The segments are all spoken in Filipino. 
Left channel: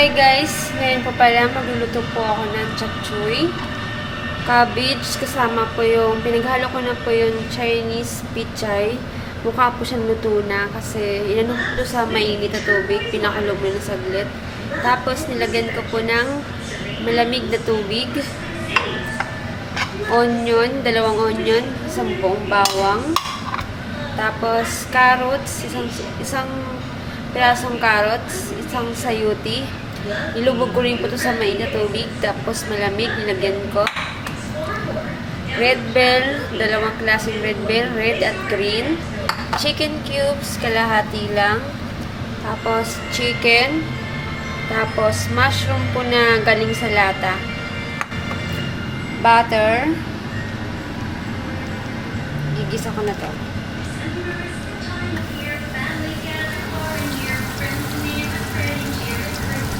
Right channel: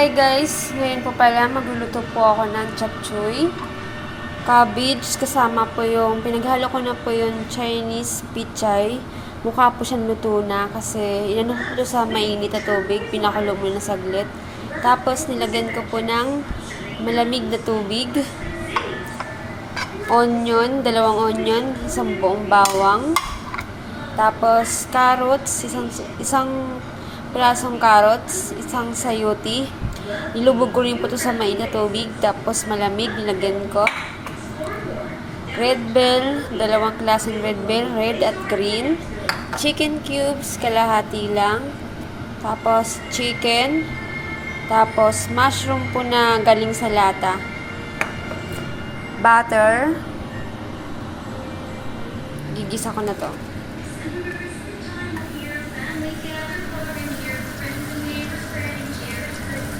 Hi guys! Ngayon po pala magluluto po ako ng chapchoy. Cabbage, kasama po yung, pinaghalo ko na po yung Chinese pichay. Mukha po siyang luto na kasi inano ko sa mainit na tubig, pinakulo mo na saglit. Tapos nilagyan ko po ng malamig na tubig. Onion, 2 onion, 1 buong bawang. Tapos carrots, isang pirasong carrots, isang sayuti. Nilubog ko rin po ito sa mainit na tubig. Tapos malamig, nilagyan ko. Red bell, 2 klaseng red bell, red at green. Chicken cubes, kalahati lang. Tapos chicken. Tapos mushroom po na galing sa lata. Butter. Gigisa ko na to.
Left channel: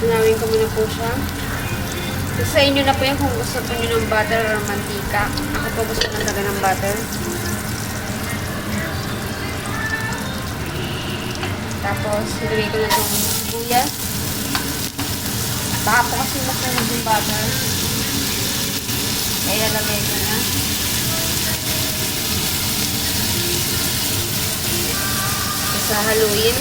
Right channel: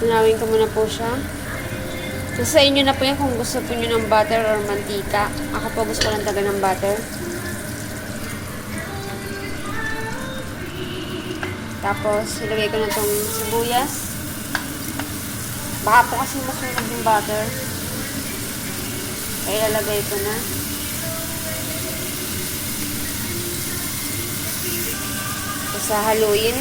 Tunawin ko muna po siya. So, sa inyo na po yan kung gusto po nyo ng butter or mantika. Ako po gusto ko ng taga ng butter. Tapos, ilagay ko na itong sibuyas. Baka po kasi masunog yung butter. Kaya ilagay ko na. Tapos, haluin.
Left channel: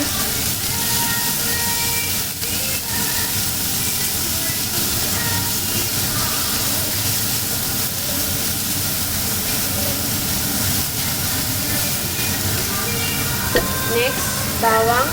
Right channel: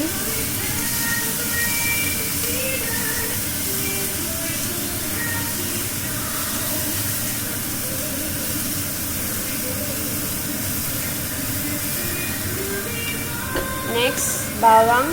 Next, bawang.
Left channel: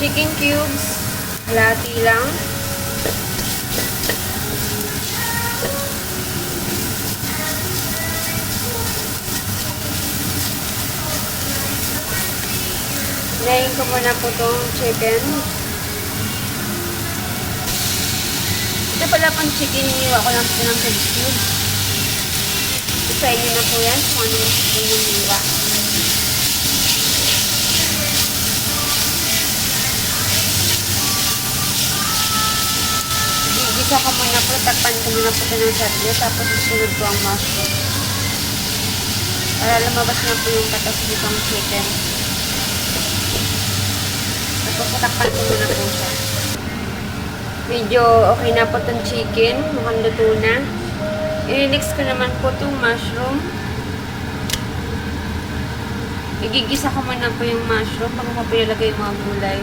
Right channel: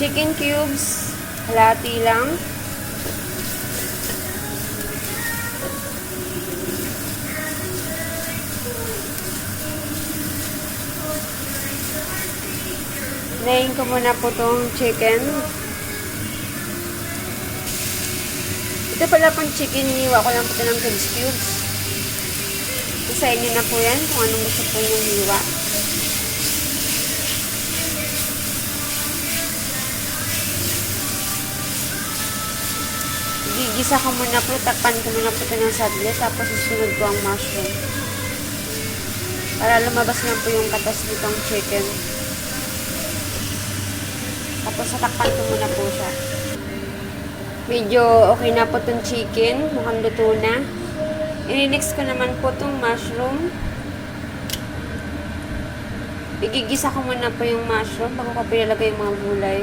Chicken cubes, halati lang. Layin ko muna po itong chicken. Ito pala pang chicken, niwa ko lang po ng cubes. Isa inyo na po yan kung anong gusto po yung niwa. Gigisa ko muna po, takpan ko muna po ito ng saglit, tapos susunod ko ang mushroom. Para lumabas na po yung katas nitong chicken. Tapos tatakpan ko muna po siya. Medyo okay na po itong chicken. Mukhang luto na. I-mix ko naman po itong mushroom. Igigisa ko muna po yung mushroom bago ko pinalagay yung mga gulay.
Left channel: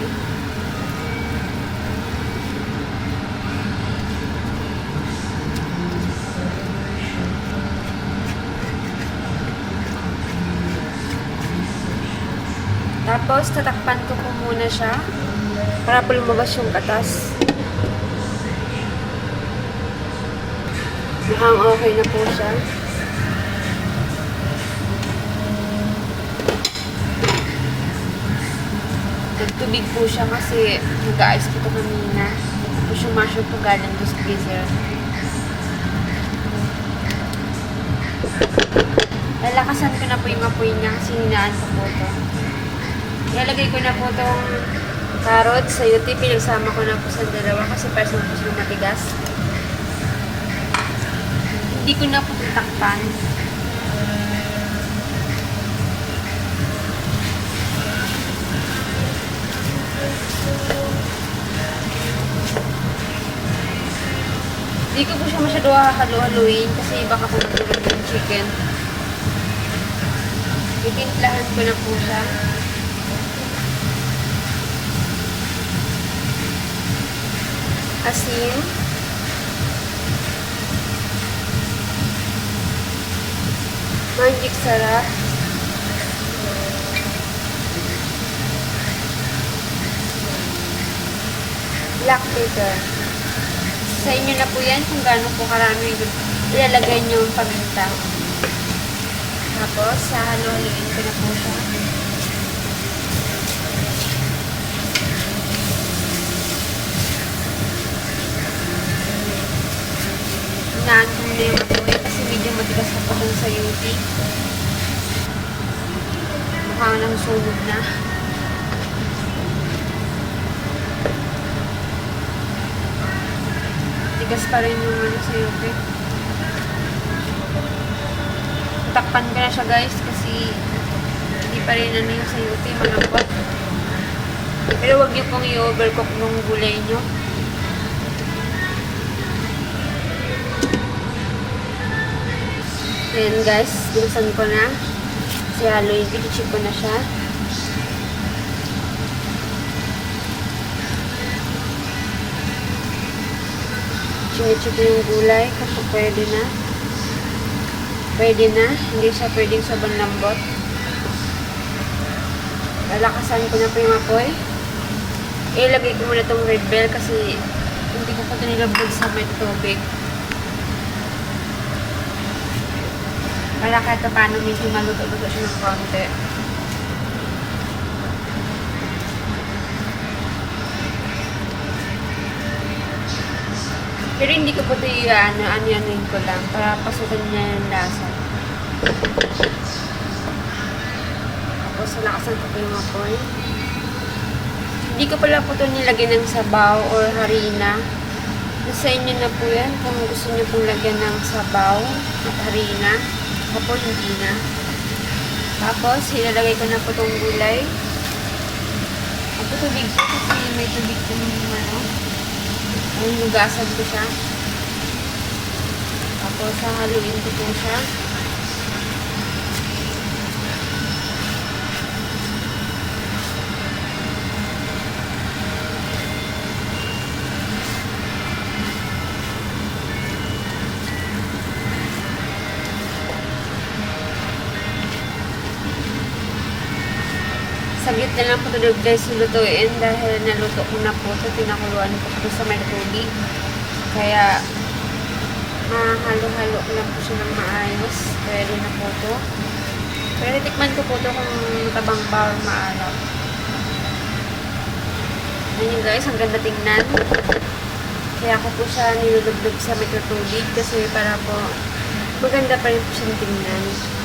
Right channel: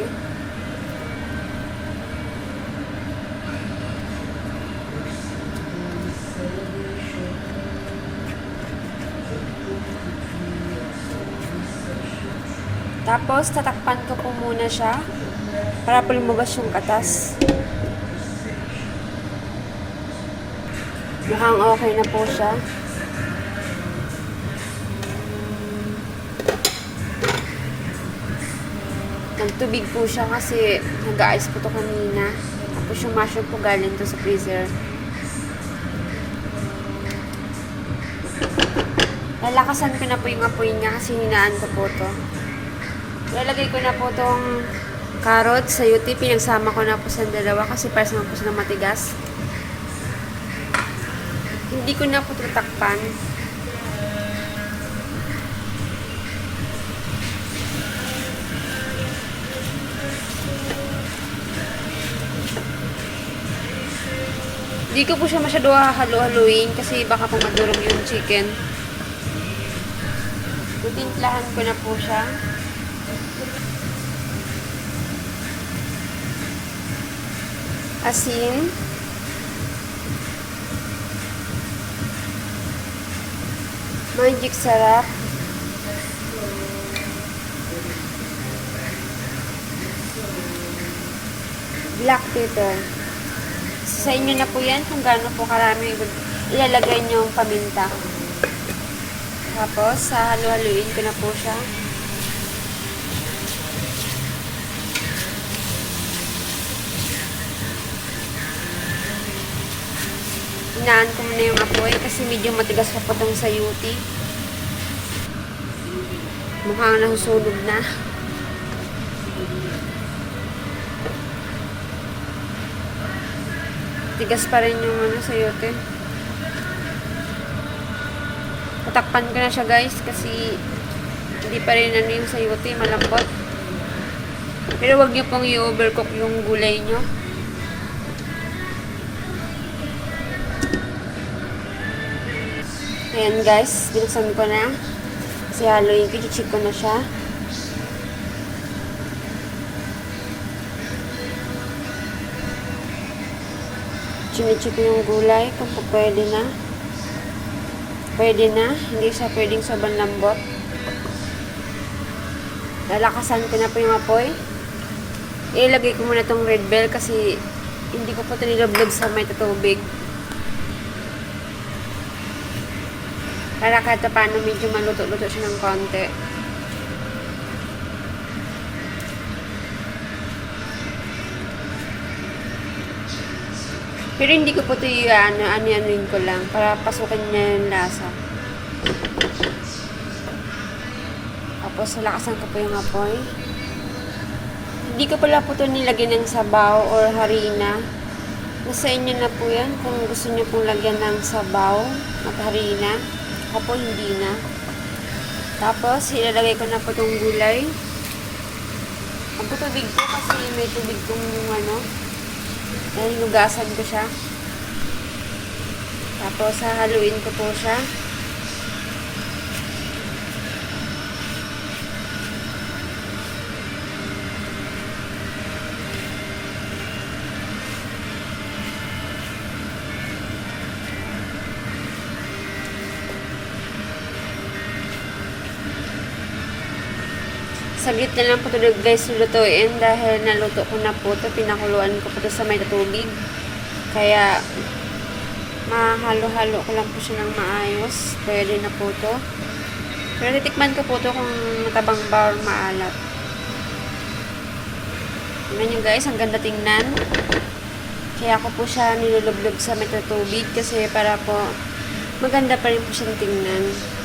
Tapos, tatakpan ko po muna siya para po lumabas yung katas. Mukhang okay na po siya. Nagtubig po siya kasi nag-ice po ito kanina. Tapos yung mushroom po galing to sa freezer. Lalakasan ko na po yung apoy niya kasi hinaan ko po ito. Ilalagay ko na po itong carrots, sayuti, pinagsama ko na po sa dalawa kasi para sa po sila matigas. Hindi ko na po tatakpan. Hindi ko po siya masyado halo-haluin kasi baka po magdurog yung chicken. Itimplahan ko na po siya. Asin. Magic sarap. Black pepper. Sa inyo na po yan kung gaano po karami ilalagay nyo yung paminta. Tapos, halo-haluin ko na po siya. Hinaan ko muna yung apoy kasi medyo matigas pa po itong sayuti. Mukhang nasusunog na. matigas pa rin yung ano, sayote. Tatakpan ko na siya guys kasi hindi pa rin ano yung sayote, malambot. Pero wag niyo pong i-overcook yung gulay nyo. Ayan guys, binasan ko na. Kasi haluin ko, i-check ko na siya. Chimichip yung gulay kung pwede na. Pwede na. Hindi siya pwedeng sobrang lambot. Lalakasan ko na po yung apoy. Ilagay ko muna itong red bell kasi hindi ko pa ito nilablog sa may tubig. Para kahit paano medyo maluto-luto siya ng konti. Pero hindi ko po ito ano-anin ko lang para pasukin niya yung lasa. Tapos lakasan ko po yung apoy. Hindi ko pala po ito nilagyan ng sabaw or harina. Nasa inyo na po yan kung gusto niyo pong lagyan ng sabaw at harina. Ako po hindi na. Tapos ilalagay ko na po itong gulay. Ako tubig po kasi may tubig kong ano. Ay, nugasan ko siya. Tapos hahaluin ko po siya. Saglit na lang po ito guys lutuin dahil naluto ko na po ito. Pinakuluan ko po ito sa may tubig. Kaya mahalo-halo ko lang po siya ng maayos. Pwede na po ito. Pero titikman ko po ito kung matabang ba o maalat. Tignan nyo guys, ang ganda tingnan. Kaya ako po siya nilulublog sa may tubig kasi para po maganda pa rin po siyang tingnan.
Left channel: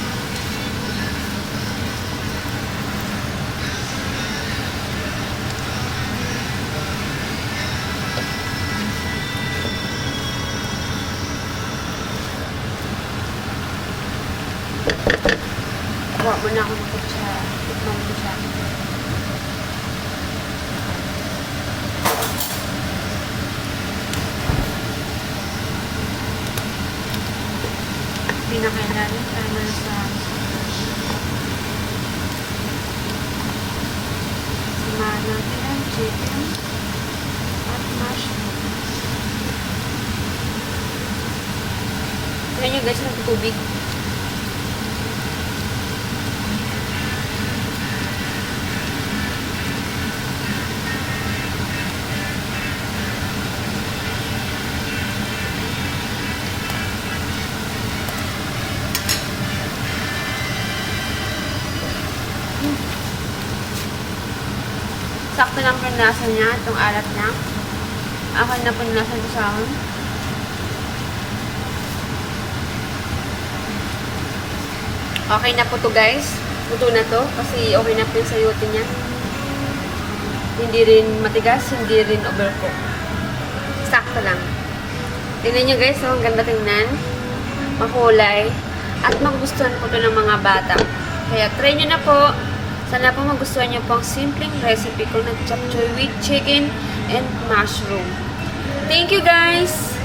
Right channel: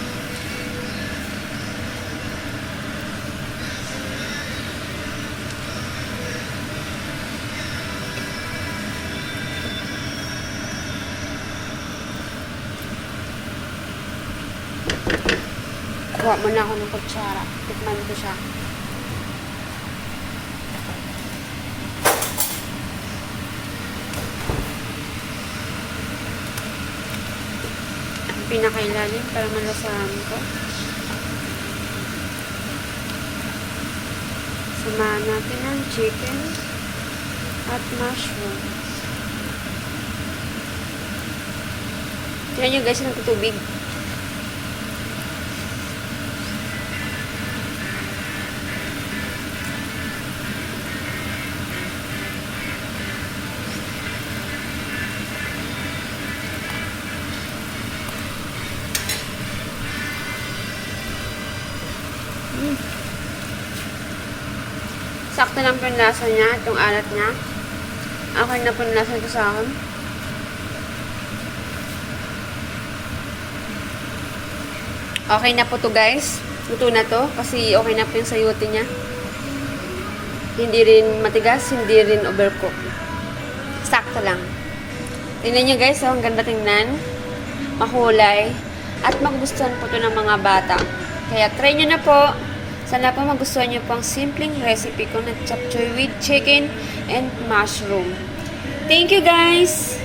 Kuha muna ako ng kutsara. Tikman ko siya. Pinakailalim para nalasahan ko. Samahan natin ang chicken at mushroom. Tignan nyo guys, nagtutubig. Sakto lang po yung lasa niya, itong alat niya. Okay na po yung lasa ito sa akin. Okay na po to guys. Luto na to kasi okay na po yung sayote niya. Hindi rin matigas, hindi rin overcook. Sakto lang. Tingnan nyo guys, ang ganda tingnan. Makulay. At magugustuhan po to ng mga bata. Kaya try nyo na po. Sana po magustuhan nyo po ang simpleng recipe ko ng chop choy with chicken and mushroom. Thank you guys!